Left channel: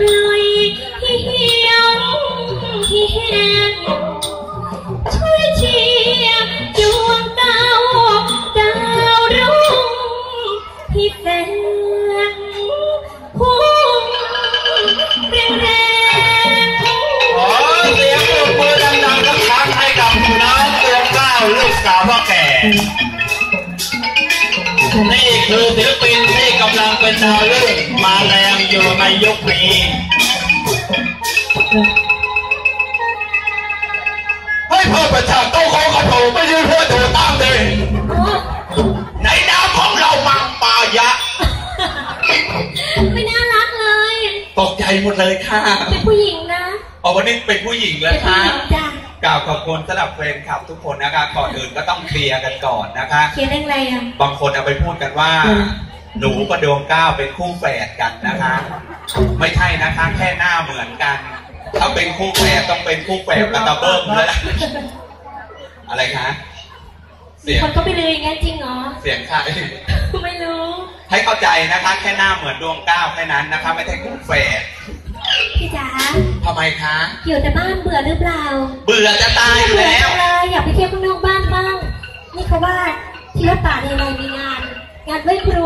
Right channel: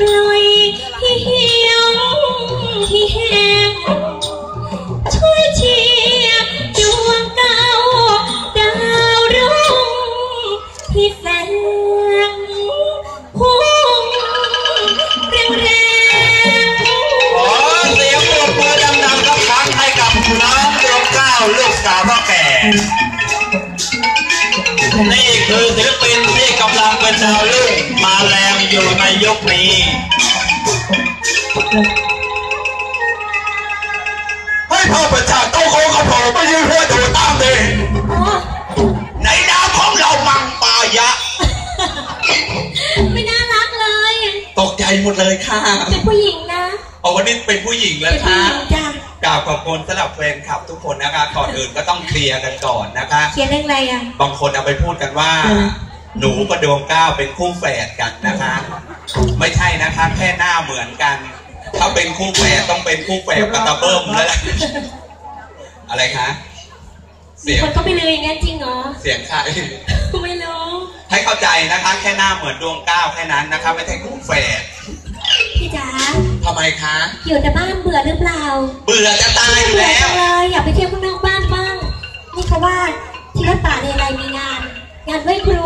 ลอยให้เหี่ยวที่แห้งช่วยเชียร์ดวงดาวดาวรุ่งที่แสงพุ่งแรงแรงขอเสียงปรบมือดังๆสักครั้งให้กับน้องดวงเก้าลูกสาวพ่อแก่ นี่คือศิลปินที่กำลังเป็นดาวรุ่งมาแรงอยู่ในยุคนี้ให้พ่อประชาโต้เขาขับผมไม่ใช่เพื่อนถูกตามเลยโอ้ในนามของเรามังปายะ ไม่น่ารักเลย ตกใจหมดเลยค่ะ เป็นผู้หญิงนะ เอาวันนี้เป็นผู้หญิงแล้วเป็นผู้ค่ะหญิงจ้ะ กล่าวขอบคุณสำหรับแฟนคลับทุกคนนะคะก่อนอื่นก็ต้องเคลียร์กันก่อนนะคะ เขียนเรื่องอะไรอะ บางคนเอาไปพูดกันว่าอืมหนูกับดวงก้าวเป็นคู่แฝดกันนะคะ ไม่ใช่นะคะ แค่หน้าเหมือนกัน ถ้าเป็นคู่แฝดต้องเป็นคู่แฝดกับตาเบิ้มแล้วแหละอะไรคะมีเสียงคนก็ไปเลยอย่างนั้นจริงเหรอเสียงใครไม่รู้ ให้เข้าใจนะคะ แค่หน้าเหมือนดวงก้าวแค่นั้นนะคะไม่ใช่คู่แฝดพี่จ๋า ทำไมคะ อยู่แต่บ้านเบื่อหรือเปล่า เบื่อจะตายอยู่เบื่อแล้วจังเลยอยากไปเที่ยวข้างนอกบ้านบ้าง นี่เขาว่าที่รัตตาในอะไรมีงาน งานไหว้ครู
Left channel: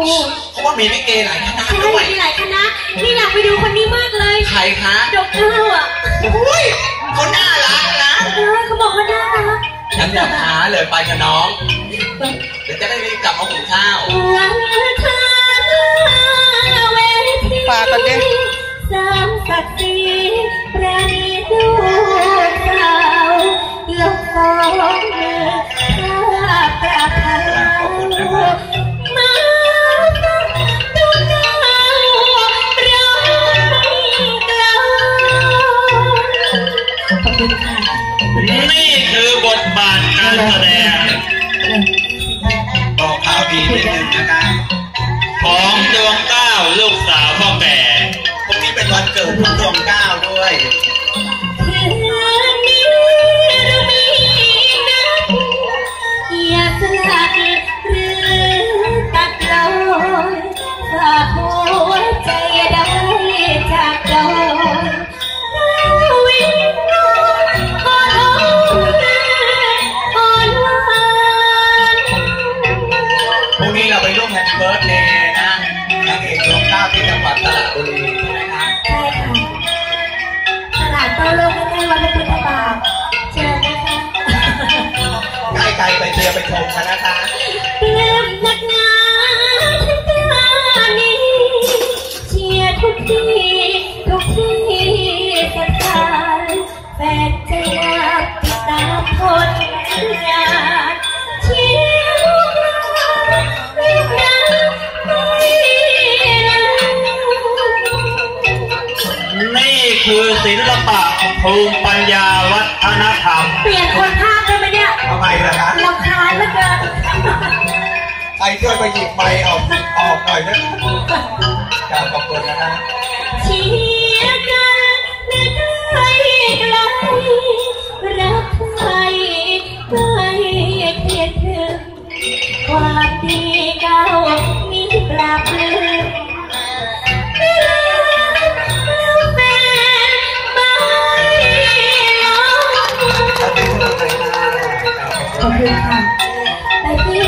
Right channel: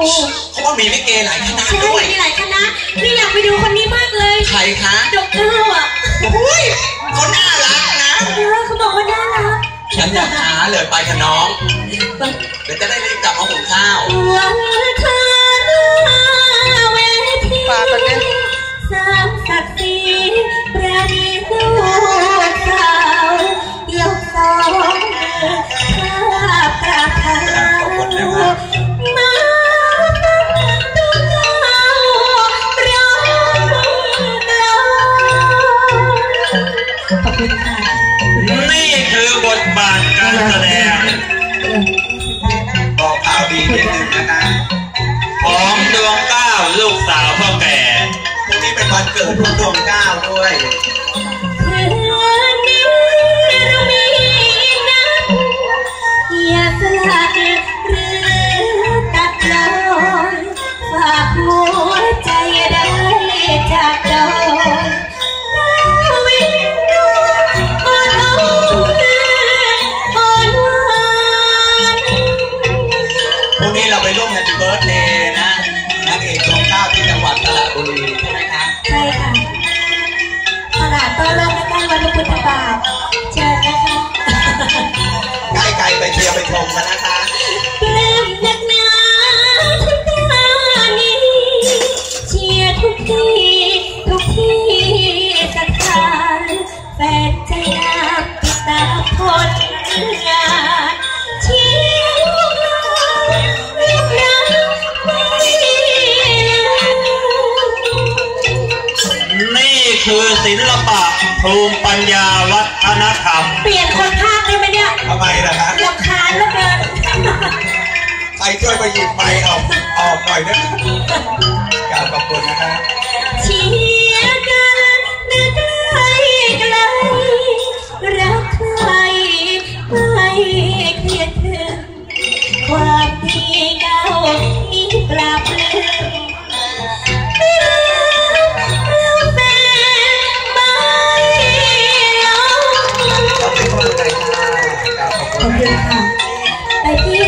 เพราะว่ามีลิเกหลายคณะใช่ด้วย มีหลายคณะนี่อยากไปดูคนนี้มากเลยใครคะดอกเตอร์อะอุ้ยเขาน่ารักนะ เออเขาบอกว่าน่ารักฉันอยากหาเลยไปกับน้อง เดี๋ยวจะได้รีบกลับมาหุงข้าววันเธอ บอกข่าวดีนิดนึงนะคะของดวงเก้าลูกสาวพ่อแก่พรุ่งนี้เป็นวันเกิดของดวงเก้าด้วย ไปเชียร์ไปชมกันนะคะปลื้มนักหนาที่ตานี้เชียร์ทุกที่ทุกที่สถานแฟนใจงามติดตามผลงานเชียร์ลูกหลานลูกหลานไม่นี่คือศิลปะภูมิปัญญาวัฒนธรรม เปลี่ยนคนภาคได้ไหมเนี่ย ทำไมล่ะคะ ไปช่วยไปหยิบไม้เอาออกหน่อยนะกล่าวขอบคุณนะฮะชียร์กันไม่ได้กลรักใครไม่เพียดเธอความดีเก่านี้ลับลืมไม่ลืมแล้วแม่ไม่ลงขอบคุณไปที่